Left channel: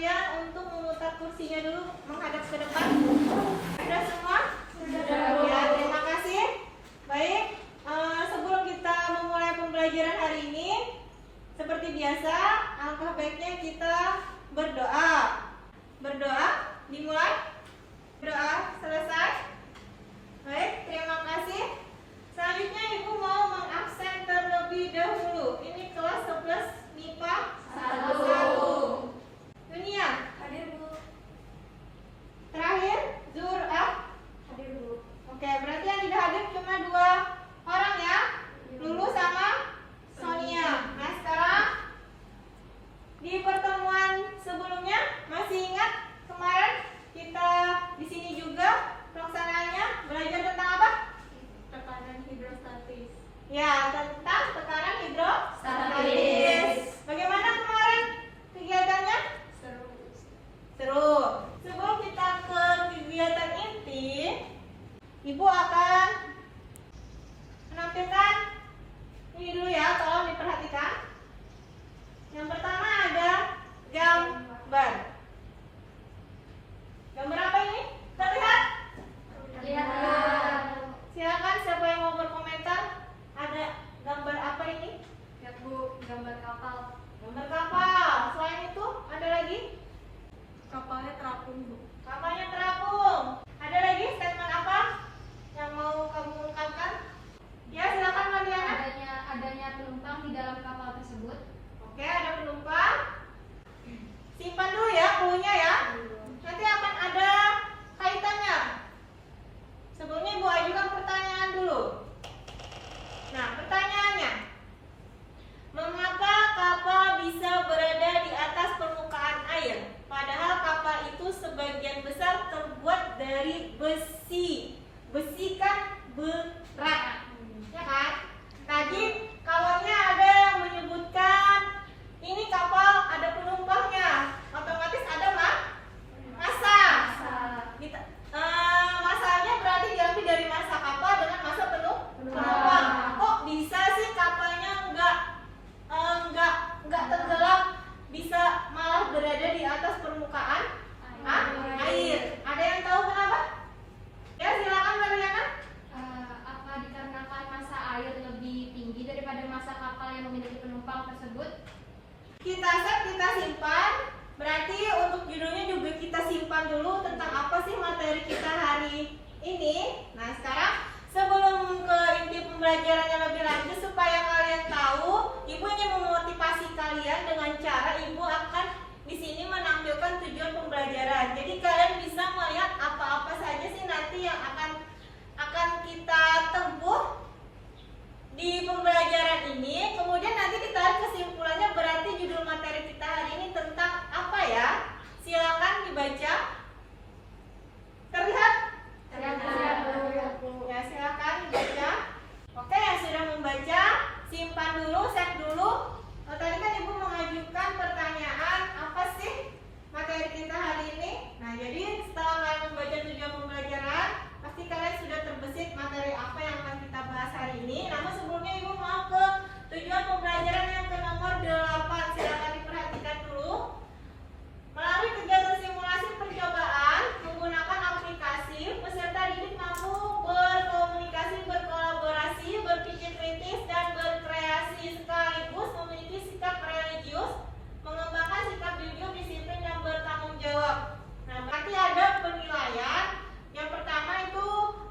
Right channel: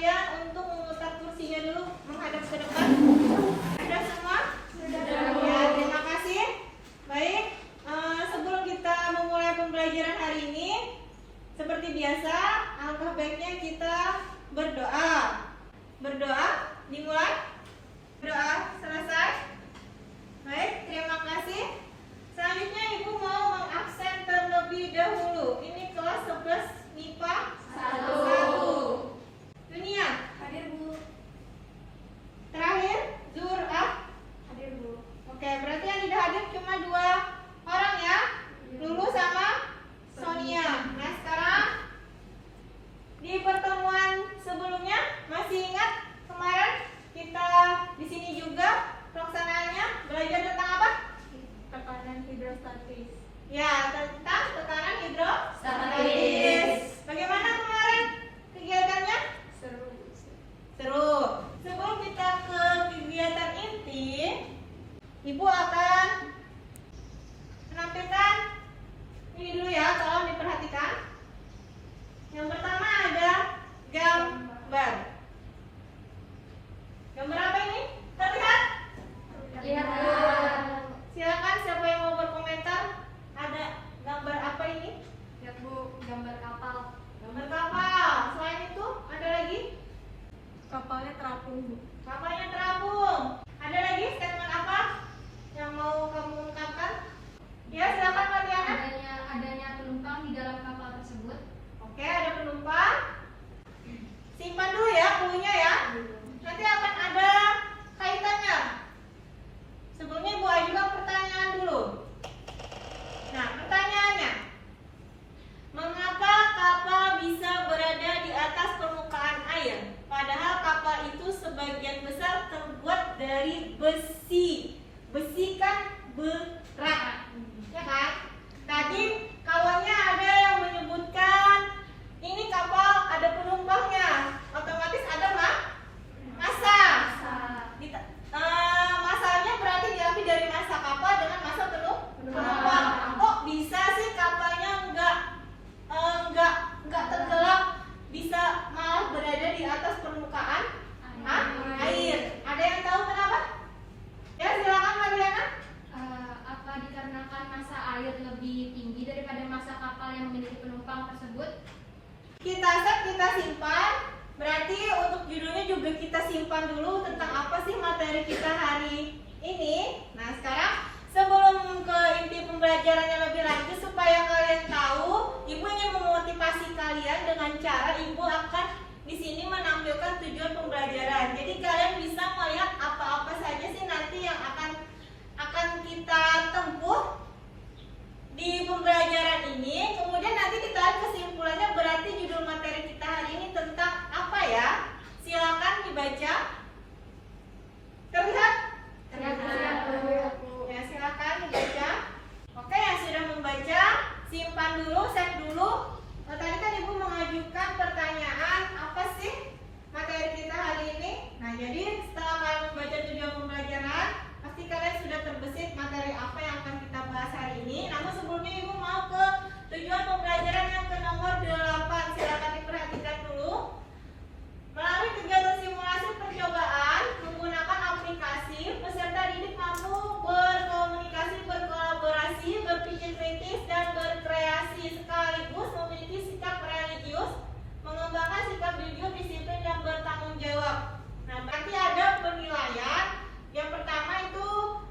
kalian untuk memutar kursinya dulu menghadap ke depan. Sudah semua? Sudah. Ya, terima kasih. Baik, sebelum kita memulai pembelajaran hari ini, seperti biasa, alangkah baiknya kita berdoa. Berdoa, dimulai. Berdoa, selesai. Baik, terima kasih. Selanjutnya Ibu mau mengabsen terlebih dahulu. Ini kelas 11 MIPA 1. Dunia. Hadir, Bu. Terakhir, Zur'ah. Hadir, Bu. Oke, berarti yang tidak hadir cuma 2 orang ya. Lulu sama Sonia. Nah, sekarang di pertemuan sebelumnya masih ingat kemarin kita di sini juga pelaksanaannya belajar tentang apa? Tekanan hidrostatis. Ya, tentang tekanan hidrostatis. Bagaimana kemarin kegiatannya? Seru. Seru. Sebelum kita ke kegiatan inti, Ibu akan menampilkan ini dulu ya, tolong diperhatikan. Yang pertama ada gambar. Gambar apa ini? Terlihat? Iya. Silakan siapa yang mau berkomentar. Ada gambar apa ini? Ya, Bu, gambar kapal. Gambar kapal. Selain itu ada lagi? Kapalnya terapung, Bu. Kapalnya terapung. Ada lagi statement apa yang mau kamu ungkapkan? Ya, silakan Mariana. Adanya penumpang di dalam kapal tersebut. Oke, ada penumpang. Simpan dulu ya clue-nya ya. Nanti akan ada kaitannya. Sebelumnya Ibu ajukan pertanyaan dulu. Nah, pertanyaannya, mengapa kapal bisa berada di atas permukaan air? Padahal kapal itu sebagian besar terbuat dari besi. Besi kan berat, ya kan? Tadi kawannya ada yang menyebutkan ini kapal ada penumpangnya, otomatis ada massa. Masanya berarti diambil dari massa kapal dengan massa penumpang. Kok bisa sih kapalnya nggak tenggelam, bisa malah berada di atas permukaan air? Ada yang tahu kenapa? Ya, silakan Mariana. Apa dikarenakan massa air lebih tinggi daripada massa kapal yang memiliki penumpang tersebut? Kita set, kita simpan. Berarti untuk judulnya juga kita simpan dulu tentang apa sih materi kita hari ini. Nah, sekarang sebelum ke inti pembelajarannya lebih lanjut, supaya kalian tahu, Ibu ingin memotivasi kalian dengan cara Ibu akan di sini menampilkan tujuan pembelajaran. Jadi kalian bisa melihat apa-apa saja sih nanti yang akan kita tempuh di pembelajaran ini. Kemudian nanti kita lihat kesimpulannya, berarti judul materi kita hari ini tentang apa ya? Silakan dibaca. Terlihat? Ya, silakan dibaca. Oke, yang sudah membaca simpan dulu, save dulu. Tadi kan Ibu mengajukan pertanyaan, apa sih materi kita hari ini? Nah, jadi setelah kalian membaca tujuan pembelajaran, pasti kalian sudah terbesit materi apa yang akan kita bahas hari ini. Namun sebelumnya Ibu mau ke tujuan pembelajaran yang ke nomor 8. Silakan diperhatikan dulu. Melalui kegiatan simulasi percobaan menggunakan aplikasi, peserta didik mampu berkomunikasi, berkolaborasi, berpikir kritis, dan berkreasi, sekaligus memiliki sikap religius, mengembangkan sikap jujur, disiplin, dan bertanggung jawab. Nah, berarti ada penilaian. Yang pertama itu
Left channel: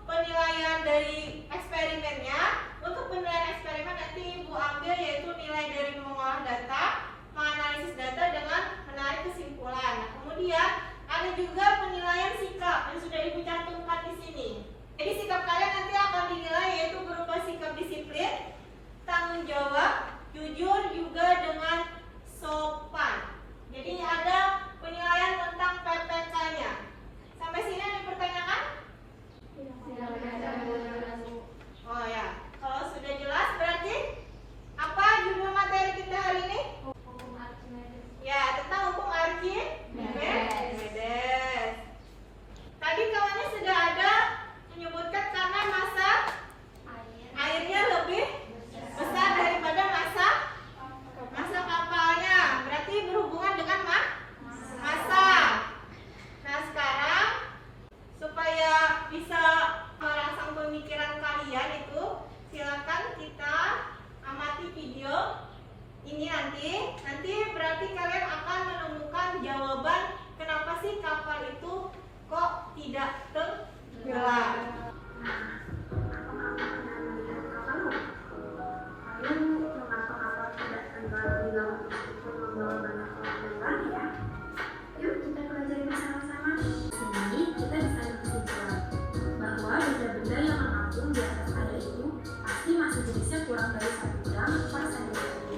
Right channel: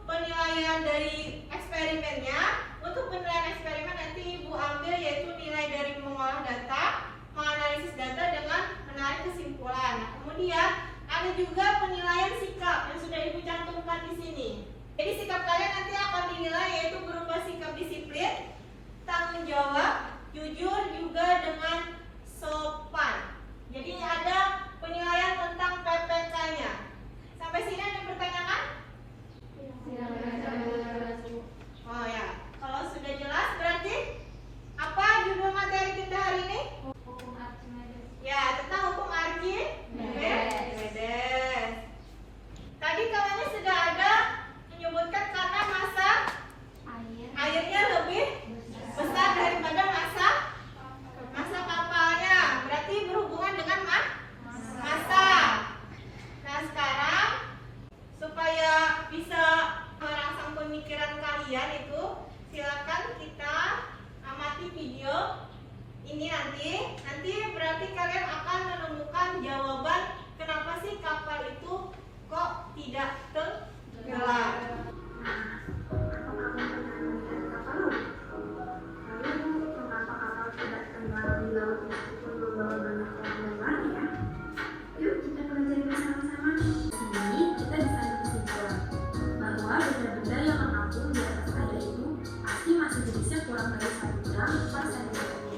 penilaian dari eksperimennya. Untuk penilaian eksperimen nanti Ibu ambil yaitu nilai dari mengolah data, menganalisis data dengan menarik kesimpulan. Nah, kemudian ada juga penilaian sikap yang sudah Ibu cantumkan di sini. Jadi sikap kalian nanti akan dinilai yaitu berupa sikap disiplin, tanggung jawab, jujur, juga dengan sopan. Jadi ada penilaian tentang PPK-nya. Sampai sini yang dipertanyakan? Oh ya, kalau sudah jelas berarti apa judul materi kita hari ini? Hukum Archimedes. Ya, tentang hukum Archimedes. Tadi kawannya sudah ada menyebutkan karena massa airnya lebih besar daripada massa kapalnya. Berarti kalian akan menemukan jawaban kenapa sih kapal itu kok tidak tenggelam. Yuk kita pelajari bersama-sama. Di sini kita bisa berkesimpulan bahwa benda-benda yang mengapung di atas air itu pasti masih jenisnya kurang dari 1 gram per cm3.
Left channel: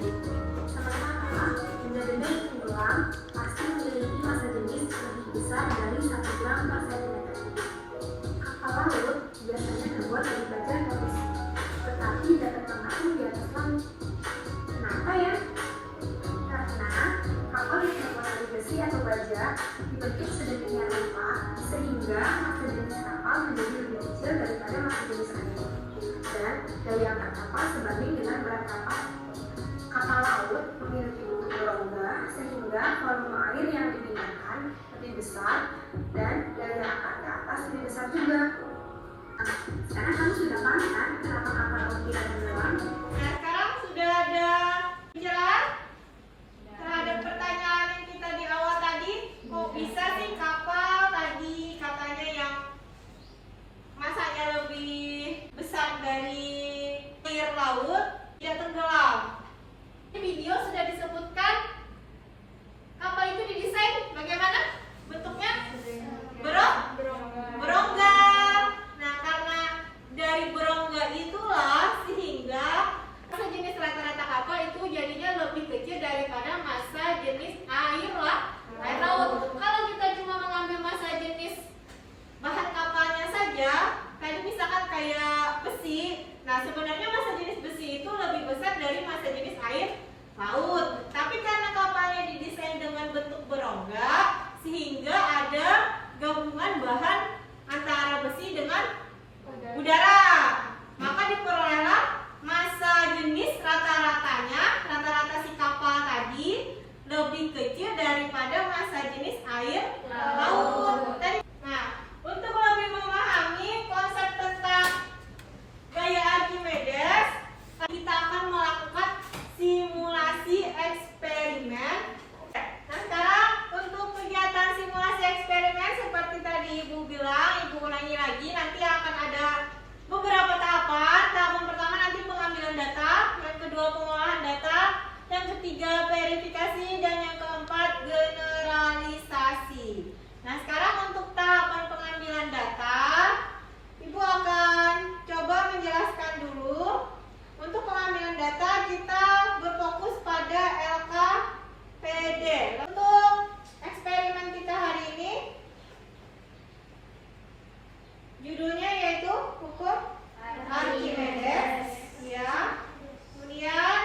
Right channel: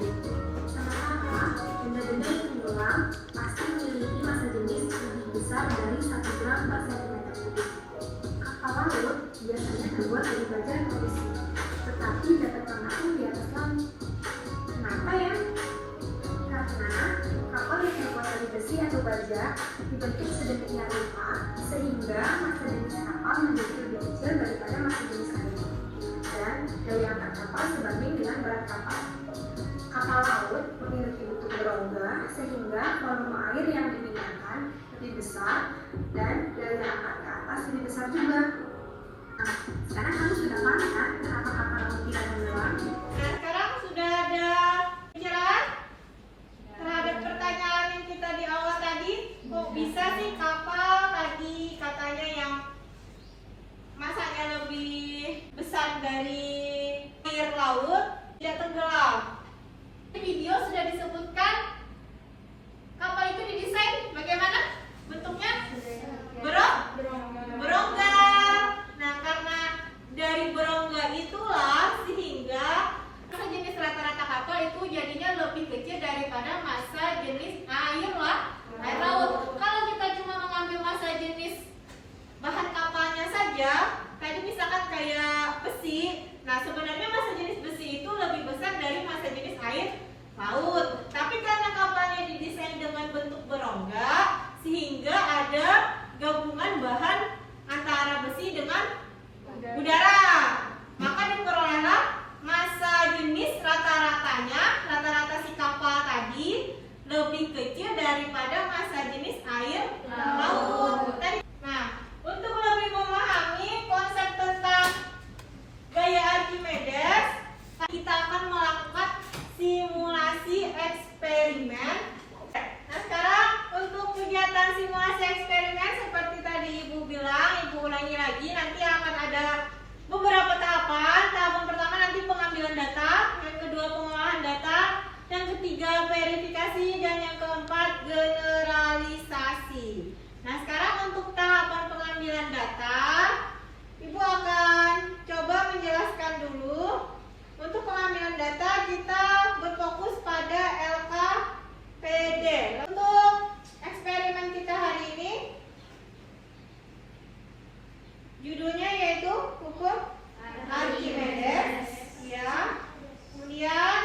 Sementara benda-benda yang tenggelam pasti memiliki massa jenis lebih besar dari 1 gram per cm3. Kapal laut biasanya terbuat dari baja atau besi, tetapi dapat mengapung di atas laut. Kenapa ya? Karena kapal yang terbuat dari besi atau baja dibentuk sedemikian rupa sehingga massa jenis kapal menjadi lebih kecil daripada massa jenis air, dan daya angkat kapal sebanding dengan berat kapal. Kapal laut memiliki bentuk berongga sehingga volume air yang dipindahkan lebih besar dan daya angkat ke atas lebih besar juga. Nah, sekarang kamu sudah paham kan kenapa kapal laut tidak tenggelam? Nah, sekarang sudah ada pencerahan terhadap pertanyaan yang kita di awal tadi. Kok bisa sih kapal tadi katanya yang masanya lebih besar dari air laut tidak tenggelam? Di video sudah disebutkan kapal itu didesain bagaimana bentuknya? Berongga. Nah, karena dari berongga itulah sehingga massa jenis rata-rata kapal itu jadinya lebih kecil daripada massa jenis air laut. Kalau kita cuma mengambil massa jenis bahan kapalnya saja, tadi misalkan kayak besi, nah sebenarnya massa jenis besi itu lebih besar dari massa jenis air laut. Tapi karena kapalnya didesain dengan bentuk berongga, sehingga ada gabungan bahan antara besi dengan udara, maka diperolehlah massa jenis rata-rata si kapal tadi lebih kecil daripada massa jenis air laut. Nah, untuk lebih memahami konsep tentang gaya Archimedes, kita akan melakukan simulasi eksperimen. Nah, sekarang untuk kegiatan simulasi eksperimen seperti tadi Ibu bilang, Ibu ulangi lagi, nanti akan ada beberapa tahapan. Tahapan pertama nanti pengambilan data, yang kedua pengolahan data, yang ketiga verifikasi, dan yang keempat generalisasi. Nah, sekarang untuk tahapan pengambilan data, Ibu akan coba menjelaskan dulu. Untuk pengambilan data kita berfokus pada LKPD. Untuk eksperimen kita hari ini judulnya yaitu hukum Archimedes, ya. Kemudian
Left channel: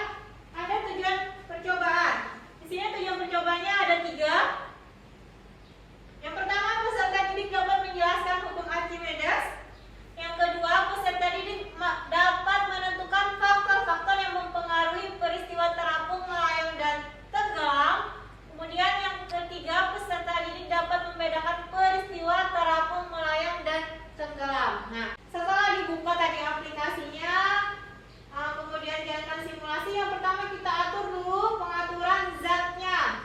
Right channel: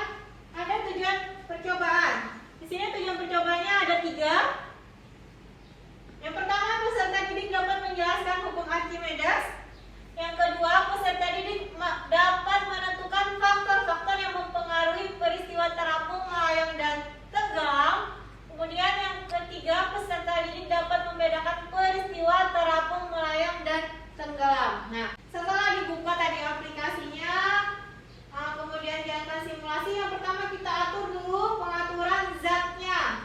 ada tujuan percobaan. Di sini tujuan percobaannya ada 3. Yang pertama, peserta didik dapat menjelaskan hukum Archimedes. Yang kedua, peserta didik dapat menentukan faktor-faktor yang mempengaruhi peristiwa terapung, melayang, dan tenggelam. Kemudian yang ketiga, peserta didik dapat membedakan peristiwa terapung, melayang, dan tenggelam. Nah, setelah dibuka tadi aplikasinya, kemudian jalankan simulasi. Yang pertama kita atur dulu pengaturan zatnya.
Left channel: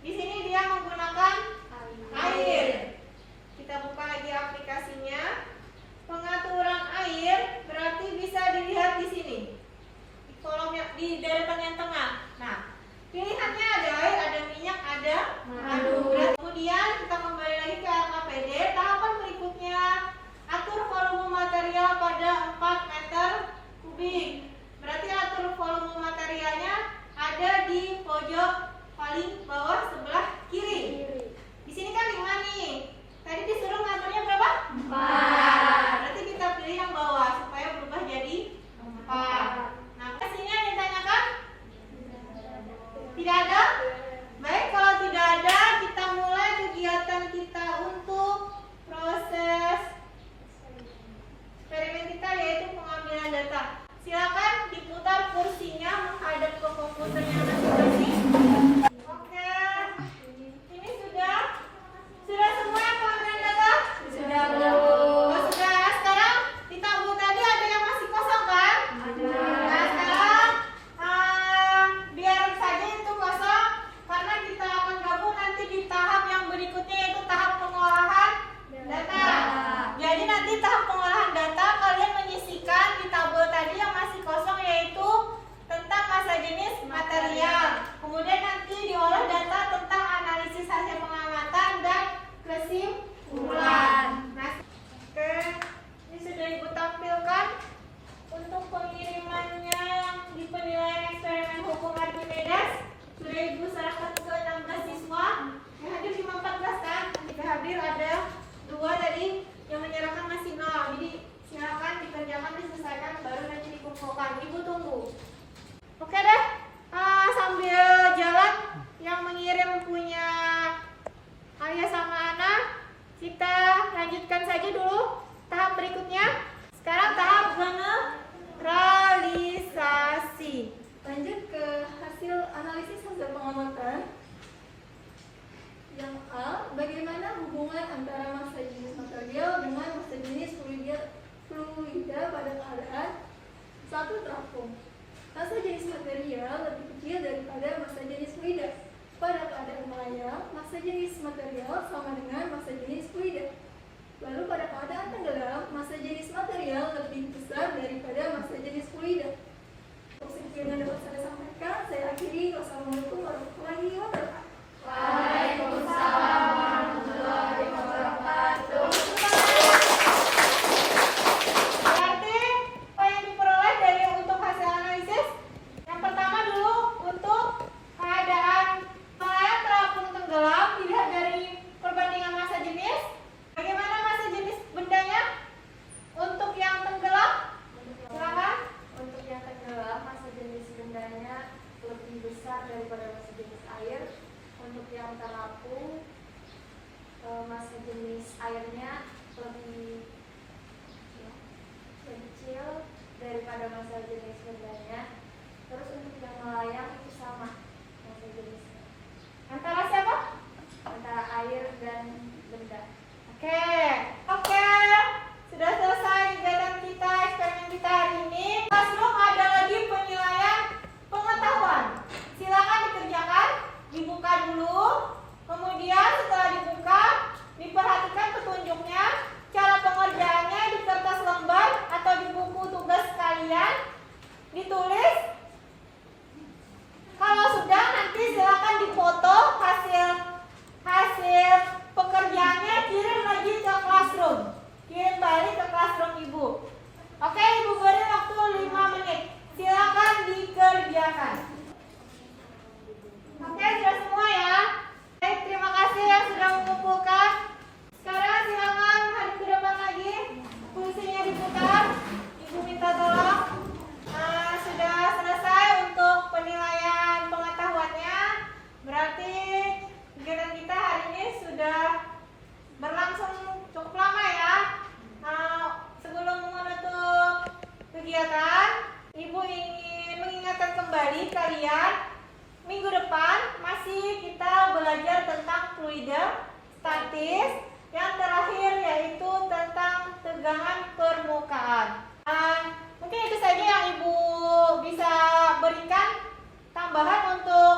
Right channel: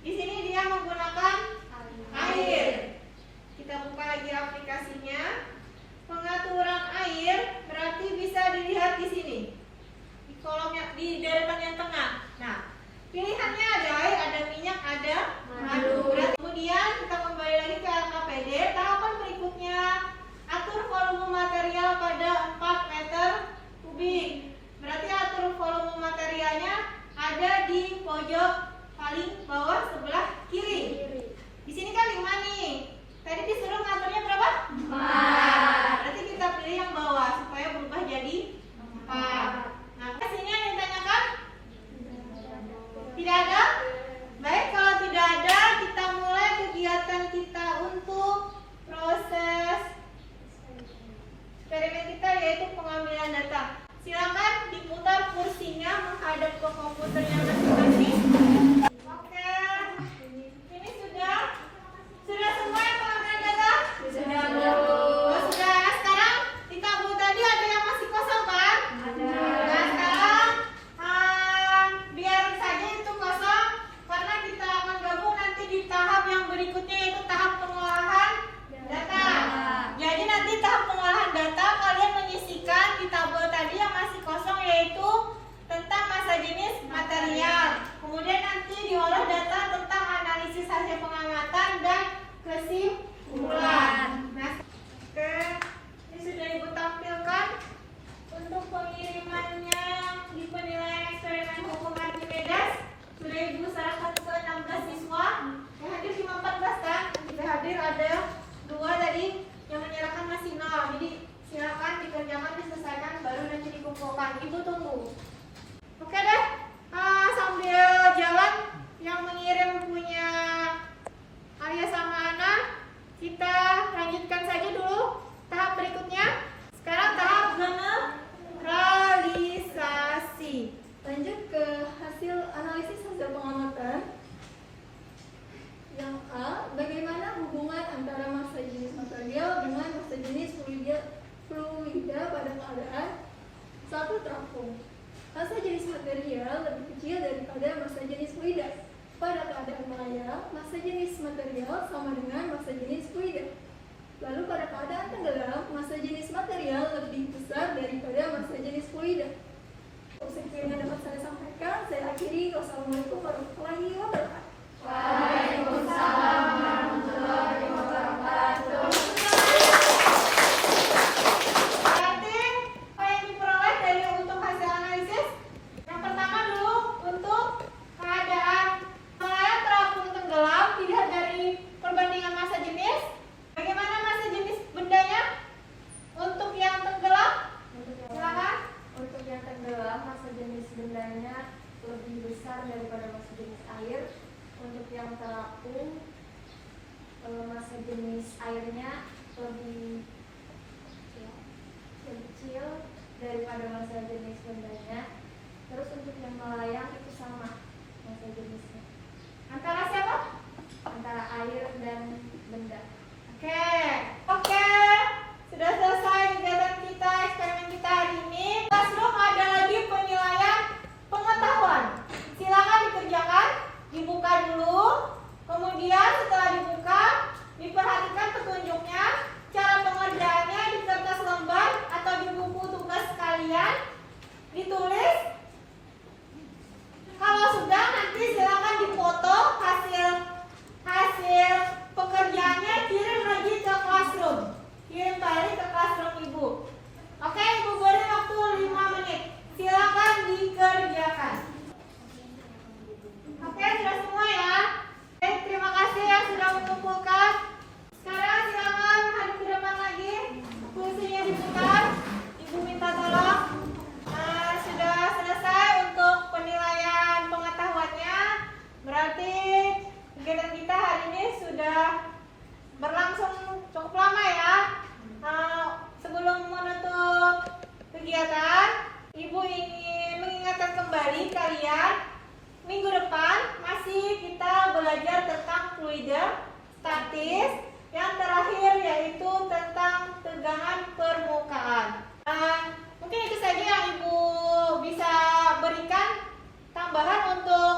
Di sini dia menggunakan air. Kita buka lagi aplikasinya. Pengaturan air berarti bisa dilihat di sini. Di kolomnya di deretan yang tengah. Nah, pilihannya ada air, ada minyak, ada madu. Nah, kemudian kita kembali lagi ke LKPD. Tahapan berikutnya, atur volume material pada 4 meter kubik. Berarti atur volume materialnya ada di pojok paling bawah sebelah kiri. Di sini kan 5 nih. Tadi disuruh ngaturnya berapa? 4. Berarti kita pilih yang bawah supaya berubah jadi 4. Nah, sini yang ditanyakan? Tidak ada? Baik, kalau tidak ada, kita mulai kegiatan kita untuk proses eksperimen kita, yaitu pengambilan data. Silakan diputar kursinya menghadap ke komputernya masing-masing. Oke, ini sudah semua pengambilan data? Sudah. Oh, sudah. Sekarang di tabel tadi ada yang masih kosong kan? Ada. Nah, sekarang biar saja itu kosong karena kita material. Kemudian nanti diolah data tentang analisis hasil pengamatan dan kesimpulan. Nah, oke, ini sudah Ibu tampilkan untuk pengirimannya di penilaian eksperimen hukum Archimedes. Sudah Ibu serahkan ke 16 siswa. Yang hadir cuma 14 kan? Jika hadir ada 2 tadi, yang menyerahkan masih 0. Jadi silakan dikerjakan, diselesaikan, baru nanti dikumpulkan. Ibu tunggu. Oke deh, sambil jalan yang mengirim punya Alia sama Ana, kita lanjutkan saja dulu tahap berikutnya. Sekarang tahap generalisasi. Lanjut ke hasil analisis hasil pengamatan. Yang A, bagaimana hubungan antara massa jenis material dengan massa jenis fluida pada keadaan satu trafo. Massa jenis material lebih kecil daripada massa jenis fluida. Pada keadaan maya, massa jenis material sama dengan massa jenis fluida. Lalu pada keadaan tenggelam, massa jenis material lebih besar daripada massa jenis fluida. Sekian yang dapat saya sampaikan, saya akhiri. Wassalamualaikum warahmatullahi wabarakatuh. Waalaikumsalam warahmatullahi wabarakatuh. Berarti apa yang diperoleh dari untuk hasil analisis? Yang pertama dulu untuk keadaan nelayan terapung tenggelam dilihat dari perbandingan massa jenis. Bagaimana massa jenis bendanya? Untuk yang tenggelam, silakan. Untuk yang tenggelam, massa jenis bendanya lebih besar daripada massa jenis air. Untuk yang terapung, massa jenis airnya lebih kecil daripada massa jenis bendanya. Terus untuk yang melayang itu sama massa jenisnya, Antara siapa? antara air dan benda. Oke, sudah selesai kegiatan kita, eksperimen kita hari ini. Classroom ada lagi penilaian pengetahuan. Silakan dikerjakan, dibuka dulu. Kemudian setelah dibuka, diperhatikan petunjuknya. Cara pengerjaannya di kertas lembar atau di buku tugas kalian. Ditulis. Kalau sudah, nanti silakan dipoto hasil pekerjaannya, kirim lagi ke classroom. Kirim balik ke classroom Ibu. Oke, Ibu beri waktu 5 menit. Silakan dikerjakan. Oke, sudah semua ya. Oke, terima kasih yang sudah mengumpulkan. Sekarang silakan hadap ke depan lagi. Kursinya diputar. Ibu minta tolong. Sudah selesai untuk penilaian pengetahuannya. Berarti kegiatan kita hari ini sudah berlangsung cukup lama ya. Sebelum menutup kegiatan, Ibu ingin mengingatkan kembali kalian, minggu depan masih kita belajar tentang fluida, statis, yang terakhir yaitu tentang tegangan permukaan. Mungkin itu saja yang Ibu bisa berikan tambahan untuk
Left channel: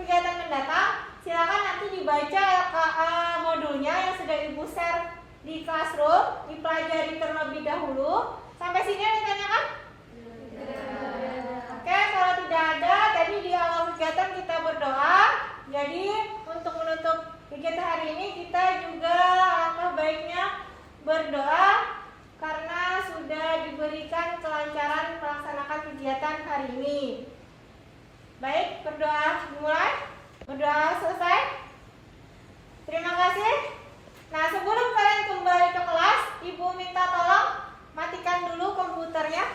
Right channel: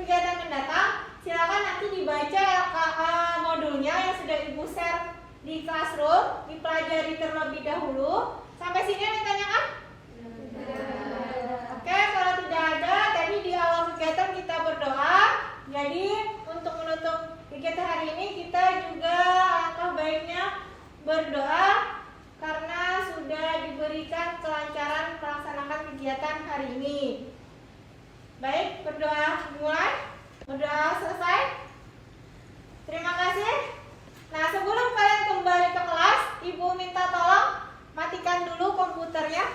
kegiatan mendatang. Silakan nanti dibaca modulnya yang sudah Ibu share di classroom, dipelajari terlebih dahulu. Sampai sini ada pertanyaan? Oke, kalau tidak ada, tadi di awal kegiatan kita berdoa. Jadi untuk menutup kegiatan hari ini kita juga alangkah baiknya berdoa karena sudah diberikan kelancaran melaksanakan kegiatan hari ini. Baik, berdoa dimulai. Berdoa selesai. Terima kasih. Nah, sebelum kalian kembali ke kelas, Ibu minta tolong matikan dulu komputernya.